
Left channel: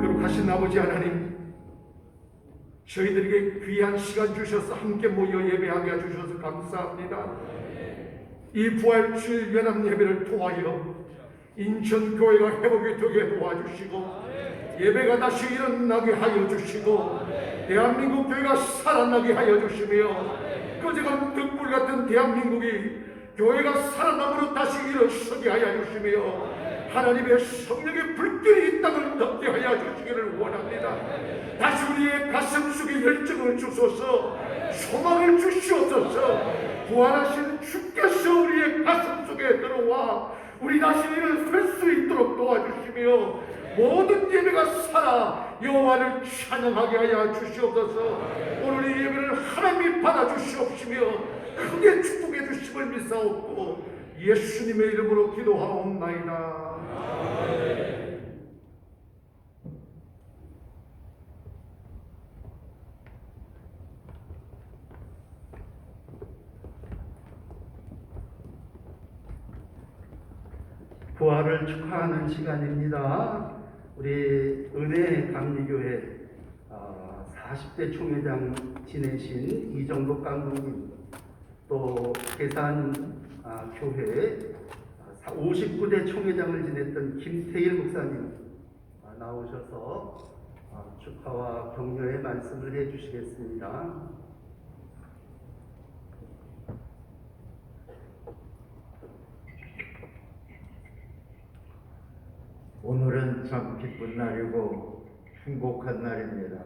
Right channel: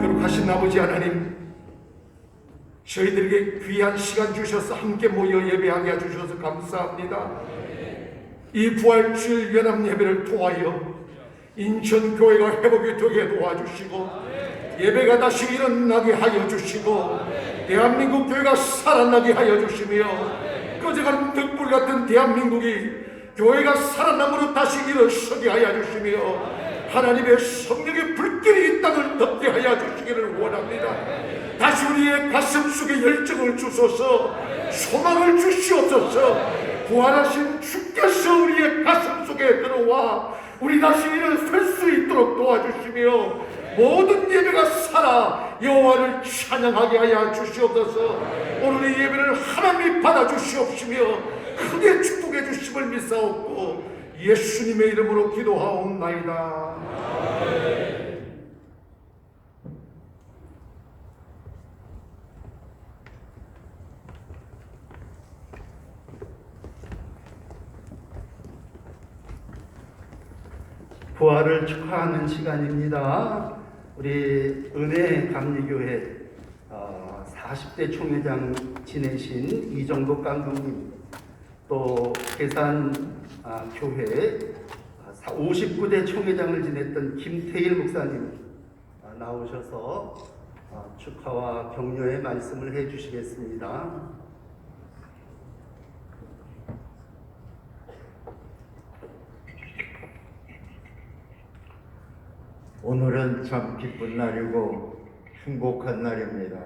거룩하신 아버지 하나님, 저희들에게 귀한 시간 주셔서 함께 모여 예배하게 해주셔서 감사합니다. 이 부활주일 연합 예배를 통하여 인천교회가 회복이 되게 도와주시고 예배가 다시 일어나게 하여 주시고 대한민국 교회가 살아나게 하여 주시며 꺼져가는 등불 같은 대한민국이 교회가 살아남으로 다시 일어서게 하여 주시며 하나님의 성령의 불길이 이 땅을 덮게 하여 주시기를 원합니다. 다시 우리의 가슴 속에 열정을 주소서, 소망을 주시옵소서. 부활하신 주께서 우리의 가슴 속에 들어와 우리 다시 일어설 수 있도록 도와주시며 모든 예배가 살아 여호와를 찬양하게 하여 주시옵소서. 오늘 이 예배를 하나님이 받아주시옵시며 크게 축복해 주심을 믿사옵고 예수님의 이름으로 기도하옵나이다. 부활을 축하하는 시간입니다. 우리 은혜 감리교회 40대 총회장 지내신 이정복 감독님, 또 계산 교회 59대 총회장을 지냈던 김태일 목사님 나오셔서 축하와 격려의 말씀을 해주시겠습니다. 오늘은 참 기쁜 날이고 행복한 날입니다.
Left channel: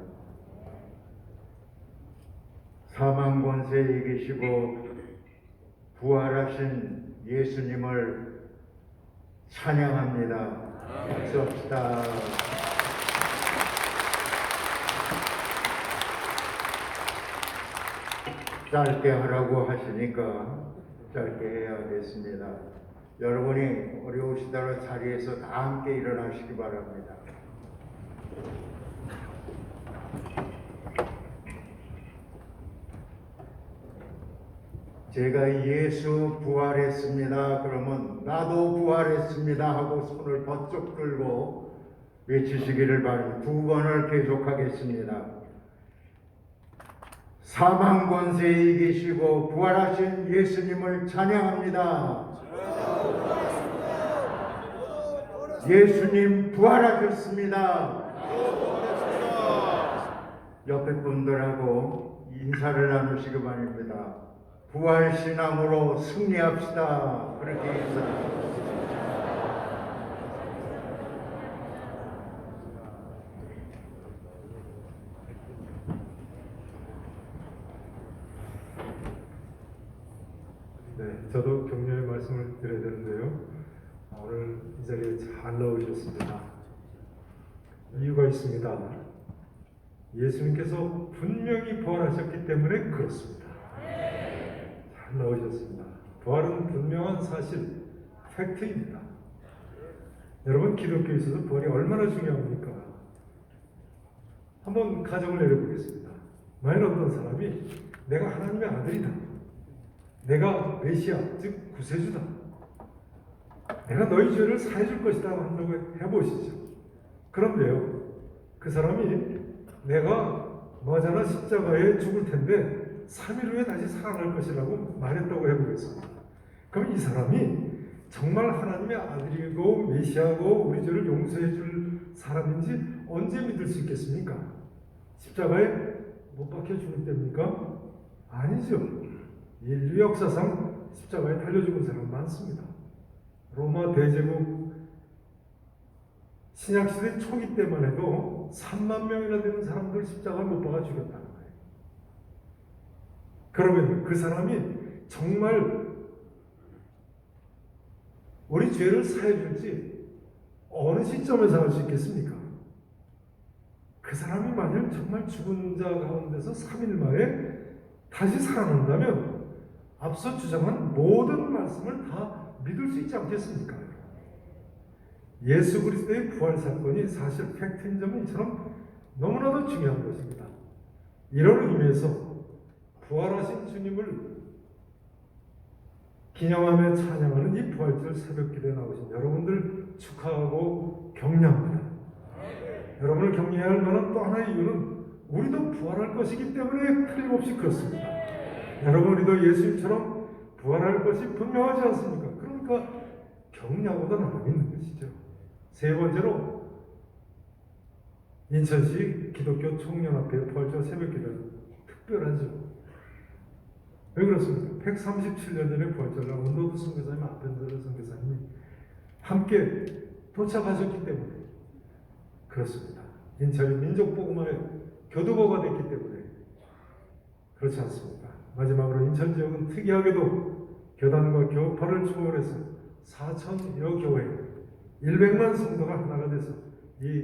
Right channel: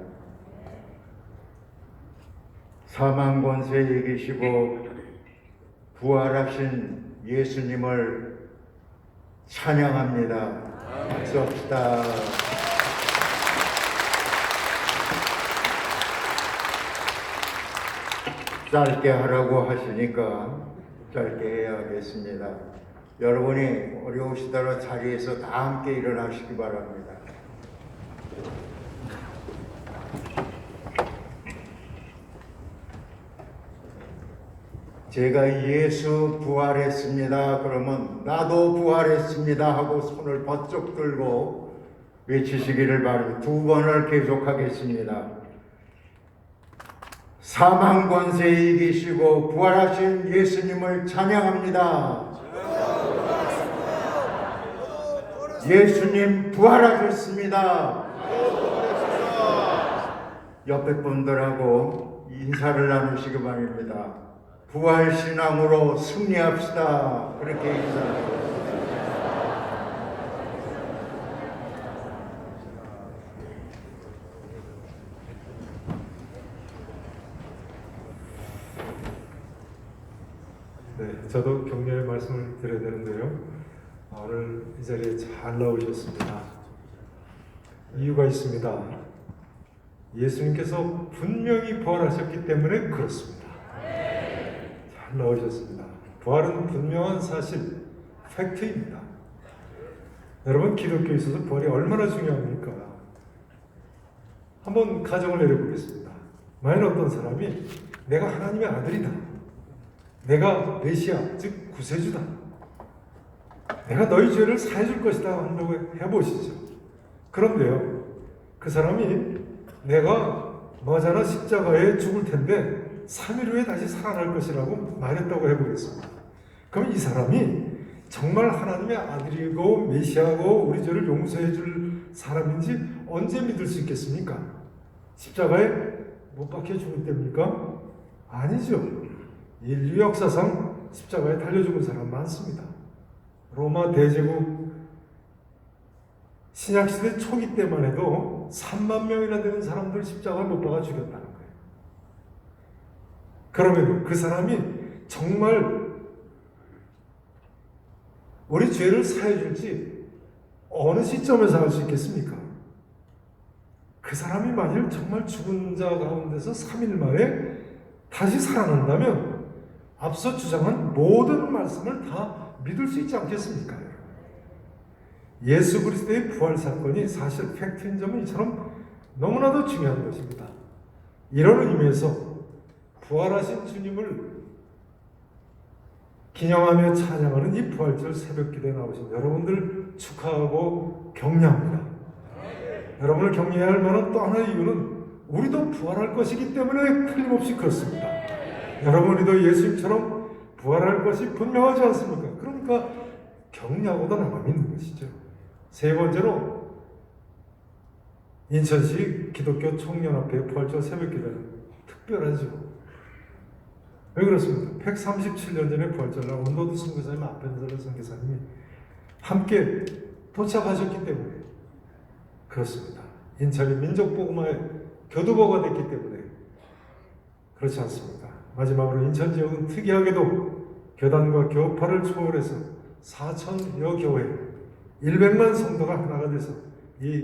사망 권세에 계시고 부활하신 예수님을 찬양합니다. 박수합시다. 짧게 하라고 하시니까 짧게 해야겠습니다. 여러분이 어려우시더라도 자리에서 다 함께 일어나시기 바랍니다. 제가 예수 부활했습니다 그러면 나도 부활했습니다 하고 손을 번쩍 들고 외치시기를 바랍니다. 두 번을 계속하겠습니다. 사망 권세에 이기시고 부활하신 예수님을 찬양합니다. 예수님 부활하셨습니다. 옆에 분들하고 인사를 나누시기 바랍니다. 부활신앙으로 승리합시다. 그렇게 인사합니다. 네, 저도 격려의 말씀을 드려야 되는데요. 오늘 이 자리에 잘 나오셨습니다. 이유가 있습니다. 예수님께서 분명히 부활하셨기 때문에 그렇습니다. 잘 나오셨습니다. 부활은 분명한 사실, 팩트입니다. 여러분, 기독교에 있어서 부활이 얼마나 중요합니까? 한번 가정을 내려보겠습니다. 만약 어떤 사람이 내가 하나님의 아들이다, 내가 메시아, 즉 구세주다, 내가 너희 죄를 사해줄 것이다 한다고 해보시죠. 그런데요, 그 사람이 내가 머지않아 십자가에 죽을 텐데 3일 후에 다시 살아날 것이라고 말했다고 해보겠습니다. 그럼 이 사람이 정말 하나님의 아들이고 메시아고 우리 죄를 용서해 줄 사람인지 언제 믿을 수 있겠습니까? 십자가에 못 박혀 죽을 때입니까? 아니죠. 인류 역사상 십자가에 달려 죽은 사람 많습니다. 로마 대제국 신약시대 초기 때만 해도 3만 명이나 되는 사람들 십자가에 못 박아 죽였다는 거예요. 그러면 그 사람이 정말 우리 죄를 사해 줄지 어느 시점에서 알 수 있겠습니까? 그 사람이 만일 정말 죽은 자 가운데서 3일 만에 다시 살아난다면 앞서 주장한 모든 말씀을 다 믿을 수 있지 않겠습니까? 예수 그리스도의 부활 사건이 사실 팩트인 점은 이처럼 너무나도 중요한 것입니다. 이런 의미에서 부활하신 주님을 기념하며 찬양하는 이 부활절 새벽기도에 나오신 여러분들 축하하고 격려합니다. 여러분을 격려해야 할 만한 또 하나의 이유는 우리도 부활할 것이기 때문에 틀림없이 그렇습니다. 여러분이도 예수님처럼 부활할 것이 분명하지 않습니까? 그러니까 격려하고도 남아 있는 것이죠. 세 번째로 인천시 기독교 청년합회 부활절 새벽기도는 특별하죠. 왜 그렇습니까? 137년 전에 부활절날 원도두 선교사님, 앞변서를 선교사님이 함께 도착하셨기 때문에 그렇습니다. 인천이 민족복음화의 교두보가 됐기 때문에 그렇지 않습니까? 마지막으로 인천 지역은 특이하게도 교단과 교파를 초월해서 4,000여 교회 100만 성도가 하나가 돼서 이